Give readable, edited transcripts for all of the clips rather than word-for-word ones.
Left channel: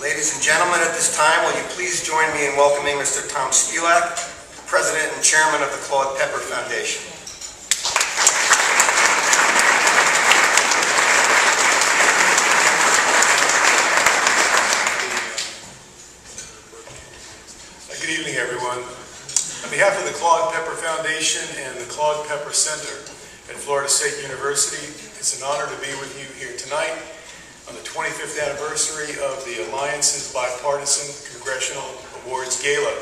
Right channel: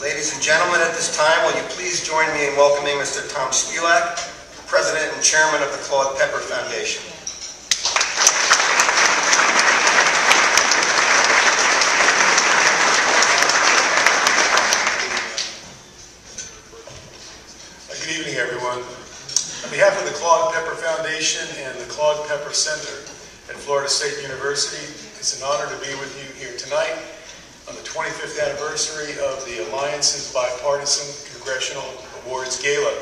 Ladies and gentlemen, at this time, will you please join me in welcoming Mr. Tom Spulak, President and Chairman of the Claude Pepper Foundation. Good evening, everyone. On behalf of the Claude Pepper Foundation and the Claude Pepper Center at Florida State University, it's an honor to be with you here tonight on the 25th anniversary of the Alliance's Bipartisan Congressional Awards Gala.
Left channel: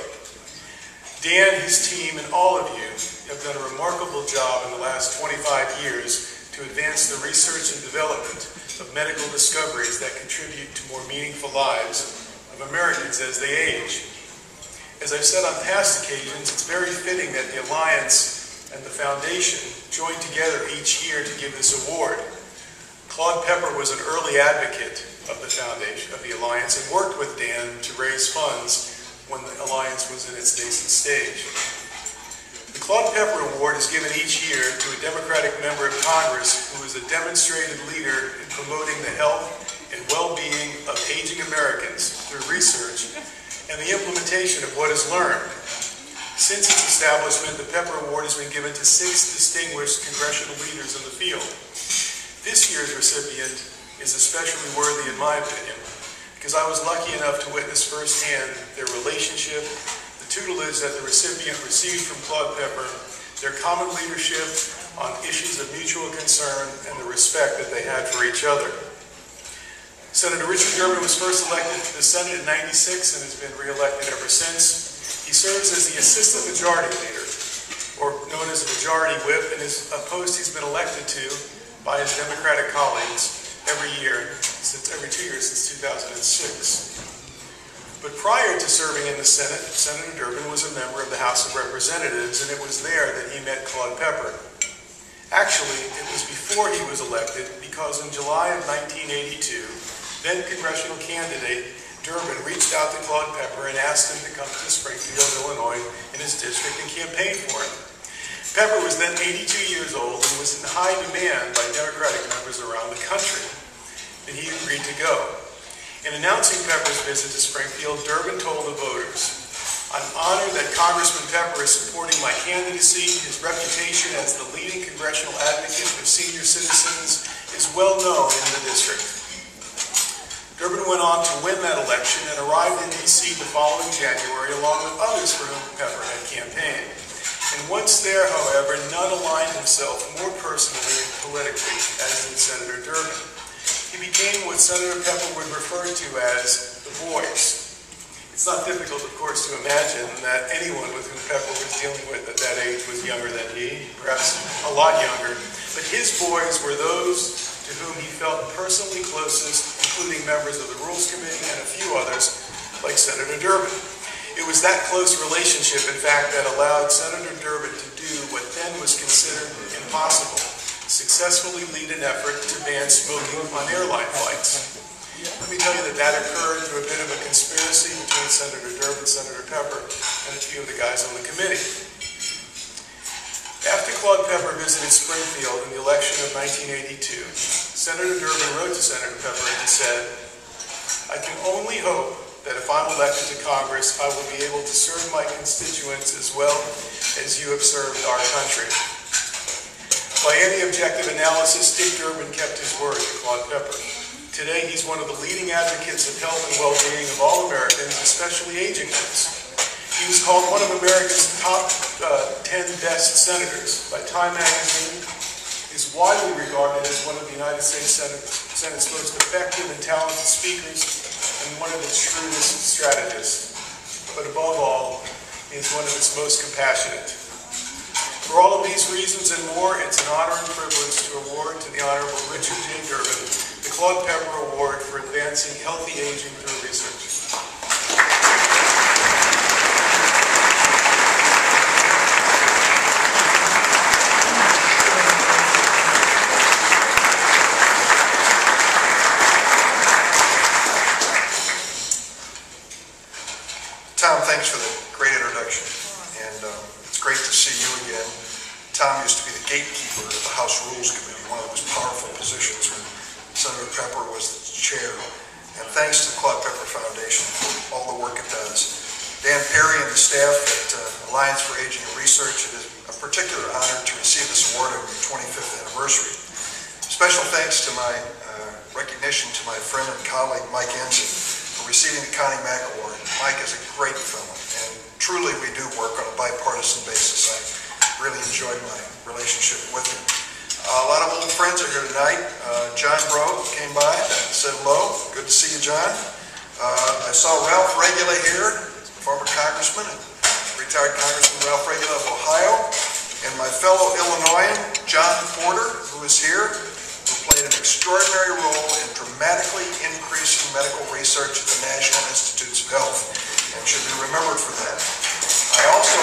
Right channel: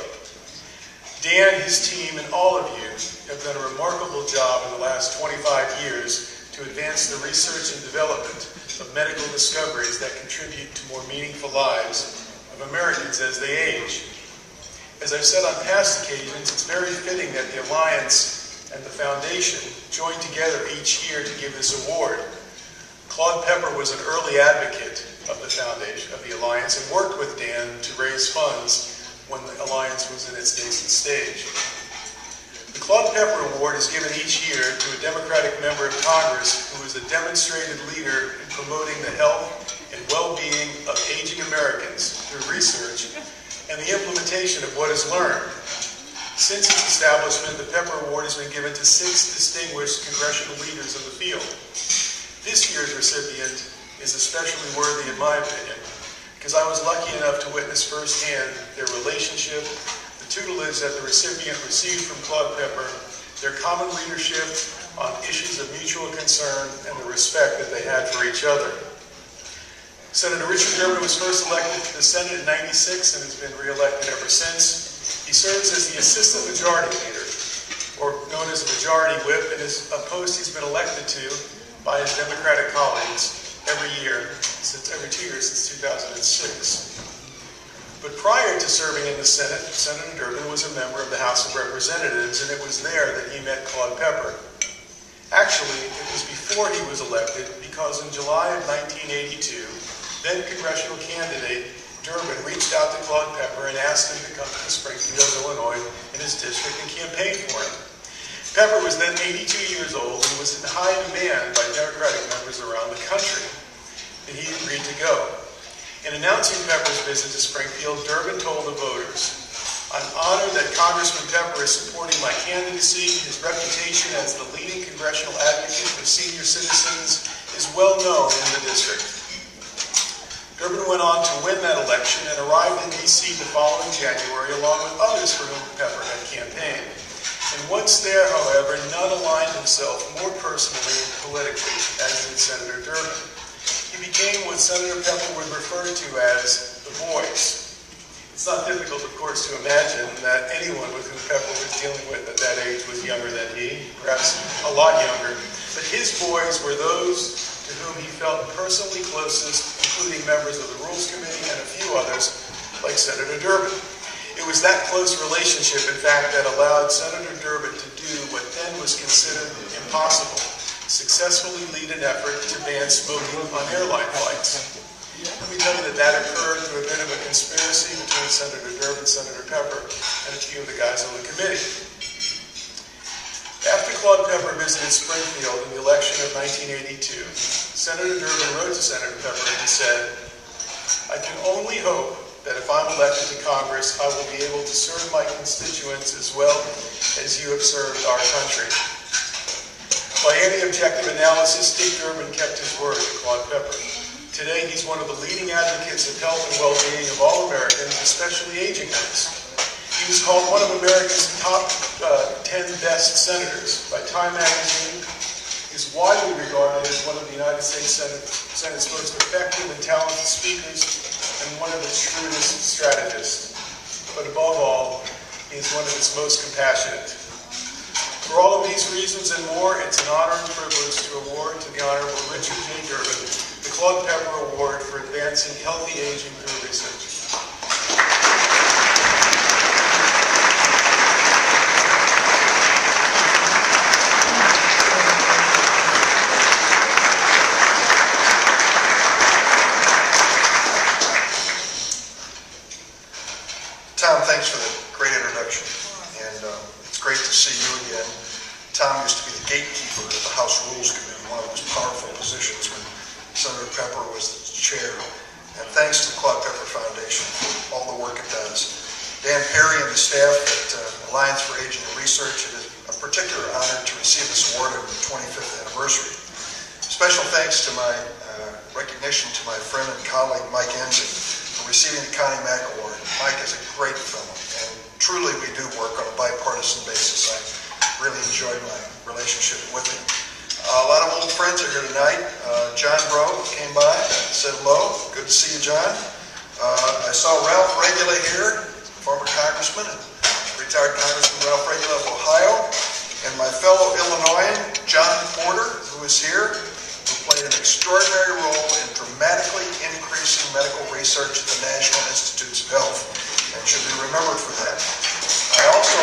Dan, his team, and all of you have done a remarkable job in the last 25 years to advance the research and development of medical discoveries that contribute to more meaningful lives of Americans as they age. As I've said on past occasions, it's very fitting that the Alliance and the Foundation join together each year to give this award. Claude Pepper was an early advocate of the Foundation, of the Alliance, and worked with Dan to raise funds when the Alliance was in its nascent stage. The Claude Pepper Award is given each year to a Democratic member of Congress who is a demonstrated leader in promoting the health and well-being of aging Americans through research and the implementation of what is learned. Since its establishment, the Pepper Award has been given to 6 distinguished congressional leaders in the field. This year's recipient is especially worthy in my opinion, because I was lucky enough to witness firsthand their relationship, the tutelage that the recipient received from Claude Pepper, their common leadership on issues of mutual concern, and the respect that they had for each other. Senator Richard Durbin was first elected to the Senate in '96 and has been re-elected ever since. He serves as the Assistant Majority Leader, or known as the Majority Whip, and is a post he's been elected to by his Democratic colleagues every 2 years since 2006. But prior to serving in the Senate, Senator Durbin was a member of the House of Representatives, and it was there that he met Claude Pepper. Actually, it was before he was elected, because in July of 1982, then congressional candidate Durbin reached out to Claude Pepper and asked him to come to Springfield, Illinois, in his district and campaign for him. Pepper was then 82 years old and was in high demand by Democratic members around the country, and he agreed to go. In announcing Pepper's visit to Springfield, Durbin told the voters, "I'm honored that Congressman Pepper is supporting my candidacy. His reputation as the leading congressional advocate for senior citizens is well known in the district." Durbin went on to win that election and arrived in D.C. the following January, along with others for whom Pepper had campaigned. And once there, however, none aligned himself more personally and politically as did Senator Durbin. He became what Senator Pepper would refer to as the voice. It's not difficult, of course, to imagine that anyone with whom Pepper was dealing with at that age was younger than he, perhaps a lot younger. But his boys were those to whom he felt personally closest, including members of the Rules Committee and a few others, like Senator Durbin. It was that close relationship, in fact, that allowed Senator Durbin to do what then was considered impossible, successfully lead an effort to ban smoking on airline flights. Let me tell you that that occurred through a bit of a conspiracy between Senator Durbin, Senator Pepper, and a few of the guys on the committee. After Claude Pepper visited Springfield in the election of 1982, Senator Durbin wrote to Senator Pepper and he said, "I can only hope that if I'm elected to Congress, I will be able to serve my constituents as well as you have served our country." By any objective analysis, Dick Durbin kept his word to Claude Pepper. Today, he's one of the leading advocates of health and well-being of all Americans, especially aging ones. He was called one of America's top 10 best senators by Time magazine. He's widely regarded as one of the United States Senate's most effective and talented speakers, and one of its shrewdest strategists. But above all, he is one of its most compassionate. For all of these reasons and more, it's an honor and privilege to award to the Honorable Richard J. Durbin the Claude Pepper Award for advancing healthy aging through research. Tom, thanks for the great introduction, and it's great to see you again. Tom used to be the gatekeeper of the House Rules Committee, one of the most powerful positions when Senator Pepper was the chair. And thanks to the Claude Pepper Foundation Foundation for all the work it does. Dan Perry and the staff at Alliance for Aging and Research, it is a particular honor to receive this award on the 25th anniversary. Special thanks to my recognition to my friend and colleague Mike Ensign for receiving the Connie Mack Award. Mike is a great fellow, and truly we do work on a bipartisan basis. I really enjoyed my relationship with him. A lot of old friends are here tonight. John Bro came by, said hello. Good to see you, John. I saw Ralph Regula here, former congressman, and retired Congressman Ralph Regula of Ohio, and my fellow Illinoisan, John Porter, who is here, who played an extraordinary role in dramatically increasing medical research at the National Institutes of Health, and should be remembered for that. I also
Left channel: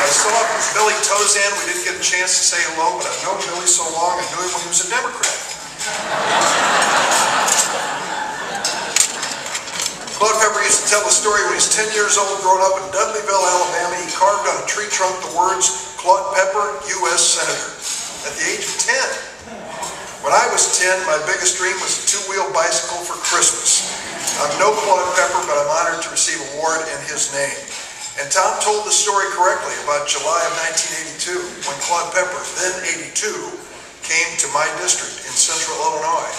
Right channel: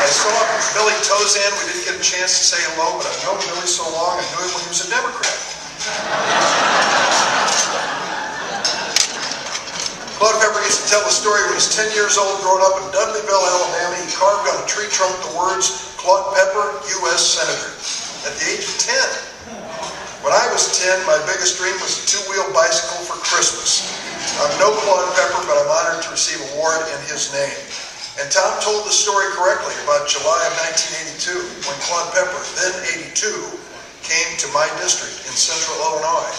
I saw Billy Tozan. We didn't get a chance to say hello, but I've known Billy so long, I knew him when he was a Democrat. Claude Pepper used to tell the story when he was 10 years old, growing up in Dudleyville, Alabama. He carved on a tree trunk the words, Claude Pepper, U.S. Senator, at the age of 10. When I was 10, my biggest dream was a two-wheel bicycle for Christmas. I'm no Claude Pepper, but I'm honored to receive an award in his name. And Tom told the story correctly about July of 1982, when Claude Pepper, then 82, came to my district in central Illinois.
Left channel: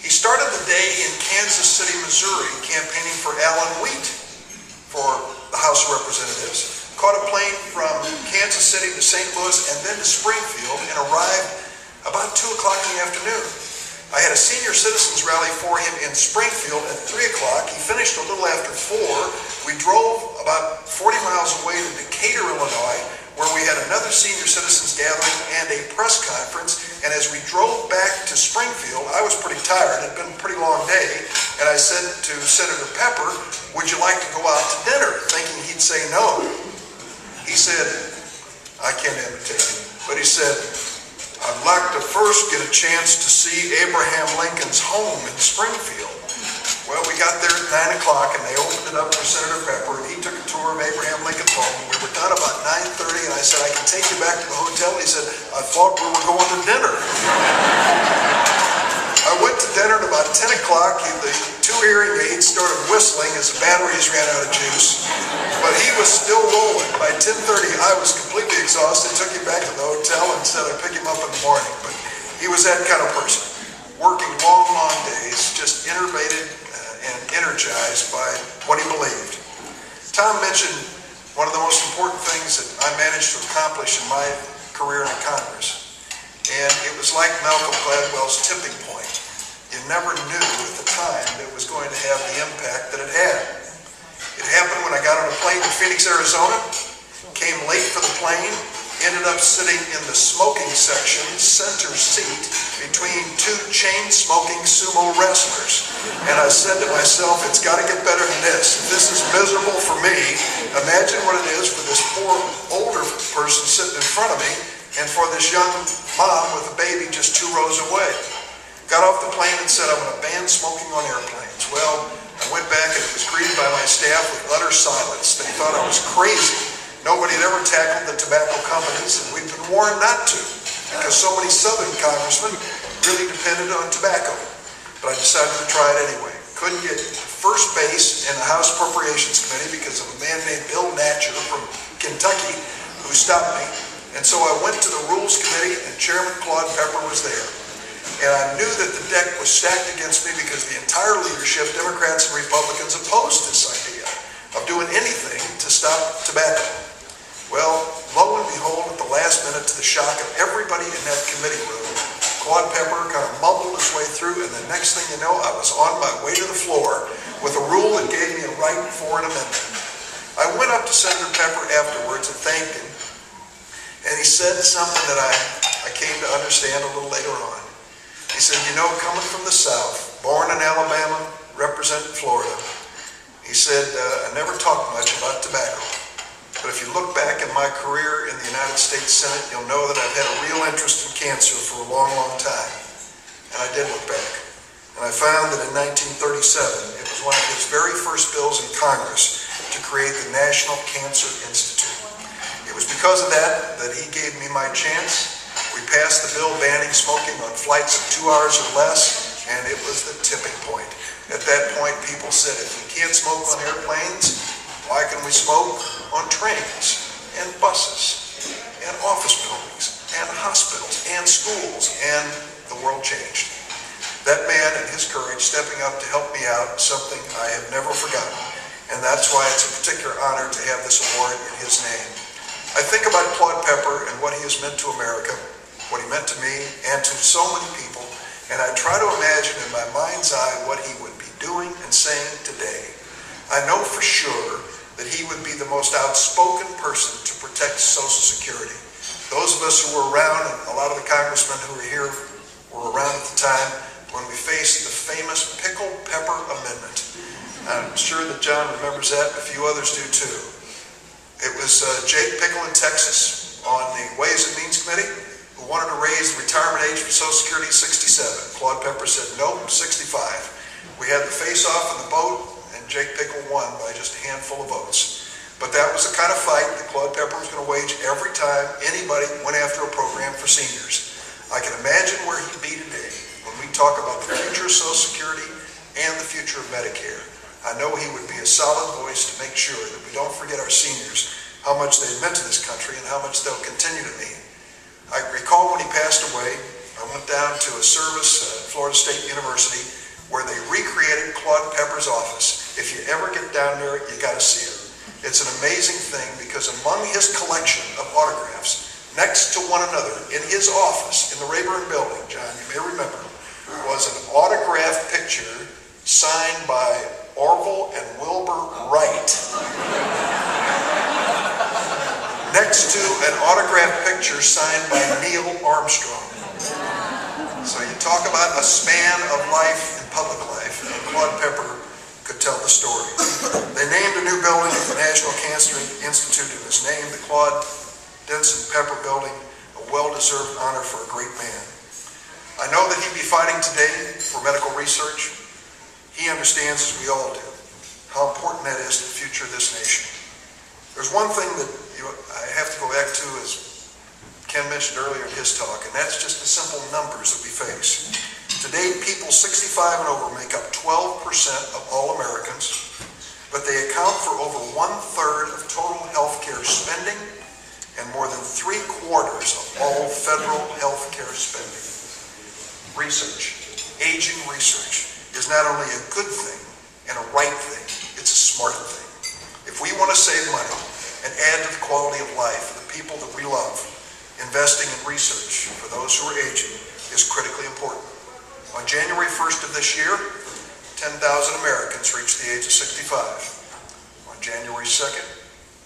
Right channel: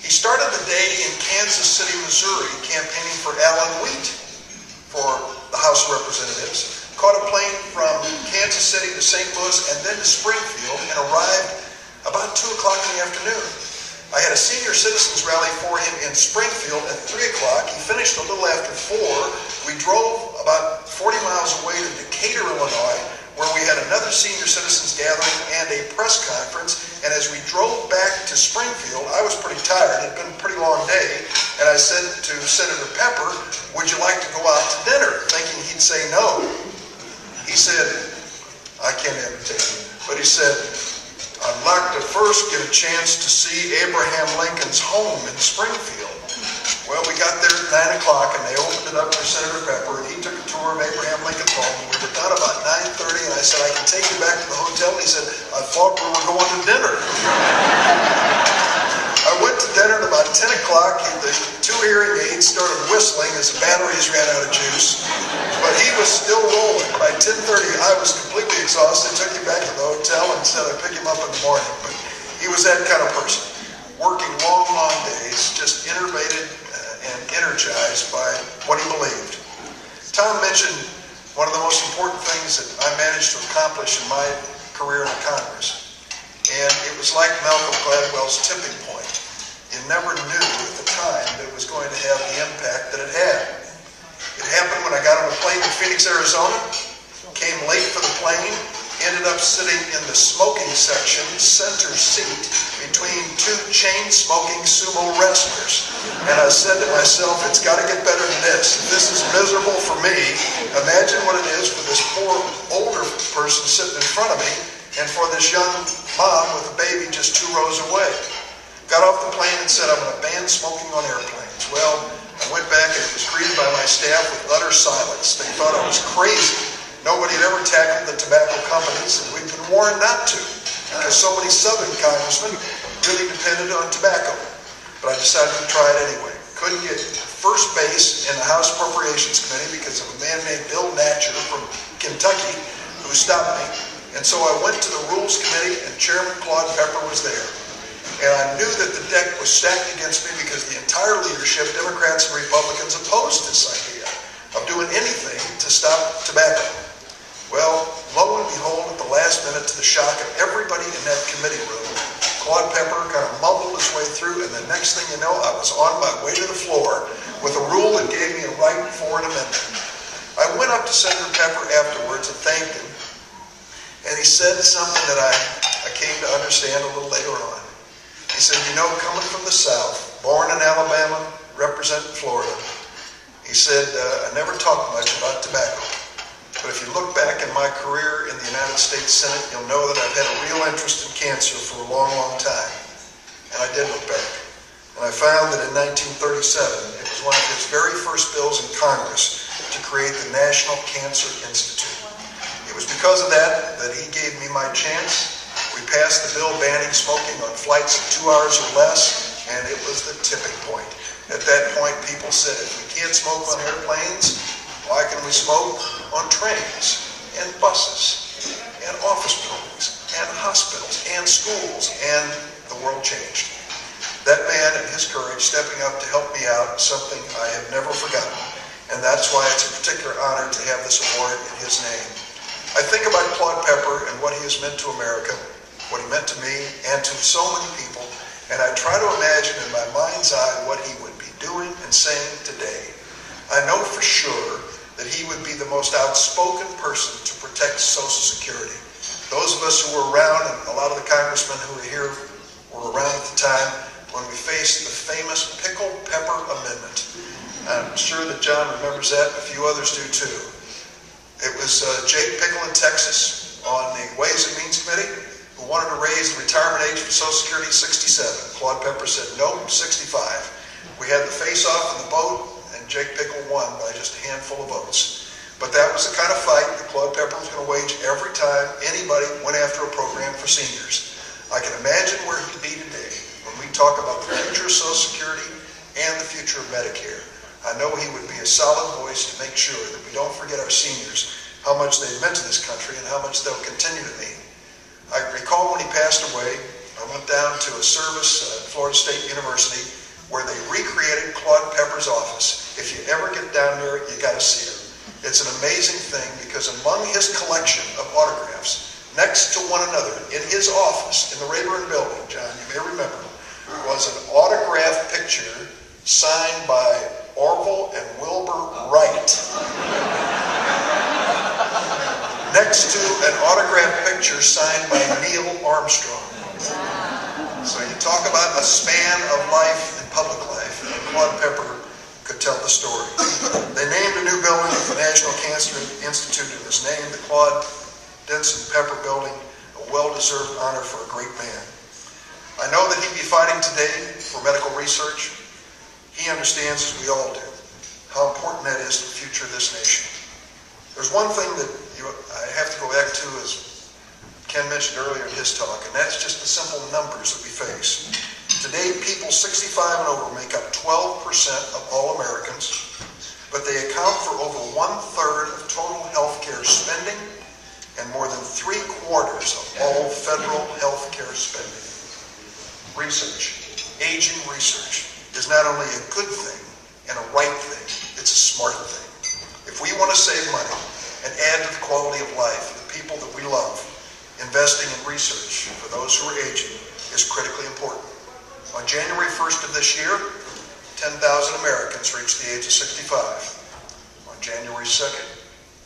He started the day in Kansas City, Missouri, campaigning for Alan Wheat for the House of Representatives, caught a plane from Kansas City to St. Louis and then to Springfield, and arrived about 2 o'clock in the afternoon. I had a senior citizens rally for him in Springfield at 3 o'clock. He finished a little after 4. We drove about 40 miles away to Decatur, Illinois, where we had another senior citizens gathering and a press conference. And as we drove back to Springfield, I was pretty tired. It had been a pretty long day. And I said to Senator Pepper, would you like to go out to dinner? Thinking he'd say no. He said, I can't entertain you. But he said, I'd like to first get a chance to see Abraham Lincoln's home in Springfield. Well, we got there at 9 o'clock, and they opened it up for Senator Pepper, and he took a tour of Abraham Lincoln's home. We were done about 9:30, and I said, I can take you back to the hotel. He said, I thought we were going to dinner. I went to dinner at about 10 o'clock. The 2 hearing aids started whistling as the batteries ran out of juice, but he was still rolling. By 10:30, I was completely exhausted. Took him back to the hotel and said I'd pick him up in the morning. But he was that kind of person, working long, long days, just innervated and energized by what he believed. Tom mentioned one of the most important things that I managed to accomplish in my career in Congress, and it was like Malcolm Gladwell's tipping point. You never knew at the time that it was going to have the impact that it had. It happened when I got on a plane in Phoenix, Arizona, came late for the plane, ended up sitting in the smoking section, center seat, between 2 chain-smoking sumo wrestlers. And I said to myself, it's got to get better than this. If this is miserable for me, imagine what it is for this poor older person sitting in front of me, and for this young mom with a baby just 2 rows away. Got off the plane and said, I'm going to ban smoking on airplanes. Well, I went back and it was greeted by my staff with utter silence. They thought I was crazy. Nobody had ever tackled the tobacco companies, and we'd been warned not to, because so many Southern congressmen really depended on tobacco. But I decided to try it anyway. Couldn't get first base in the House Appropriations Committee because of a man named Bill Natcher from Kentucky who stopped me. And so I went to the Rules Committee, and Chairman Claude Pepper was there. And I knew that the deck was stacked against me because the entire leadership, Democrats and Republicans, opposed this idea of doing anything to stop tobacco. Well, lo and behold, at the last minute, to the shock of everybody in that committee room, Claude Pepper kind of mumbled his way through, and the next thing you know, I was on my way to the floor with a rule that gave me a right for an amendment. I went up to Senator Pepper afterwards and thanked him, and he said something that I came to understand a little later on. He said, you know, coming from the South, born in Alabama, representing Florida, he said, I never talked much about tobacco. But if you look back in my career in the United States Senate, you'll know that I've had a real interest in cancer for a long, long time. And I did look back. And I found that in 1937, it was one of his very first bills in Congress to create the National Cancer Institute. It was because of that that he gave me my chance We passed the bill banning smoking on flights of 2 hours or less, and it was the tipping point. At that point, people said, if we can't smoke on airplanes, why can we smoke on trains and buses and office buildings and hospitals and schools? And the world changed. That man and his courage stepping up to help me out is something I have never forgotten. And that's why it's a particular honor to have this award in his name. I think about Claude Pepper and what he has meant to America, what he meant to me and to so many people, and I try to imagine in my mind's eye what he would be doing and saying today. I know for sure that he would be the most outspoken person to protect Social Security. Those of us who were around, and a lot of the congressmen who were here were around at the time, when we faced the famous Pickle Pepper Amendment. I'm sure that John remembers that, and a few others do too. It was Jake Pickle in Texas on the Ways and Means Committee who wanted to raise the retirement age for Social Security to 67. Claude Pepper said, nope, 65. We had the face-off in the vote, and Jake Pickle won by just a handful of votes. But that was the kind of fight that Claude Pepper was going to wage every time anybody went after a program for seniors. I can imagine where he'd be today when we talk about the future of Social Security and the future of Medicare. I know he would be a solid voice to make sure that we don't forget our seniors, how much they've meant to this country and how much they'll continue to mean. I recall when he passed away, I went down to a service at Florida State University where they recreated Claude Pepper's office. If you ever get down there, you got to see it. It's an amazing thing because among his collection of autographs, next to one another in his office in the Rayburn building, John, you may remember, was an autographed picture signed by Orville and Wilbur Wright. Next to an autographed picture signed by Neil Armstrong. So you talk about a span of life in public life, and Claude Pepper could tell the story. They named a new building at the National Cancer Institute in his name, the Claude Denson Pepper Building, a well-deserved honor for a great man. I know that he'd be fighting today for medical research. He understands, as we all do, how important that is to the future of this nation. There's one thing that I have to go back to, as Ken mentioned earlier in his talk, and that's just the simple numbers that we face. Today, people 65 and over make up 12% of all Americans, but they account for over 1/3 of total health care spending and more than 3/4 of all federal health care spending. Research, aging research, is not only a good thing and a right thing, it's a smart thing. If we want to save money and add to the quality of life of the people that we love, investing in research for those who are aging is critically important. On January 1st of this year, 10,000 Americans reached the age of 65. On January 2nd,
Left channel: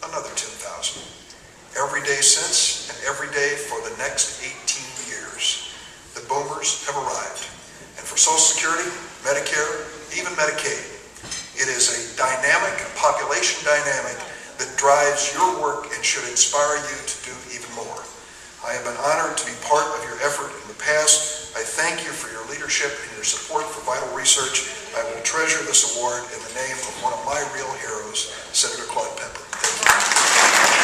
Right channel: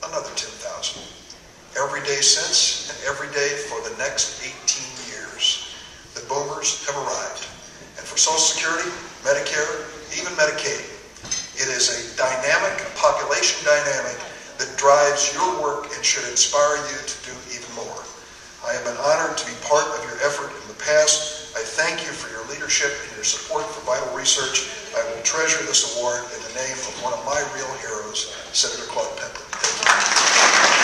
another 10,000. Every day since, and every day for the next 18 years, the boomers have arrived. And for Social Security, Medicare, even Medicaid, it is a dynamic, population dynamic that drives your work and should inspire you to do even more. I have been honored to be part of your effort in the past. I thank you for your leadership and your support for vital research. I will treasure this award in the name of one of my real heroes, Senator Claude Pepper. Thank you.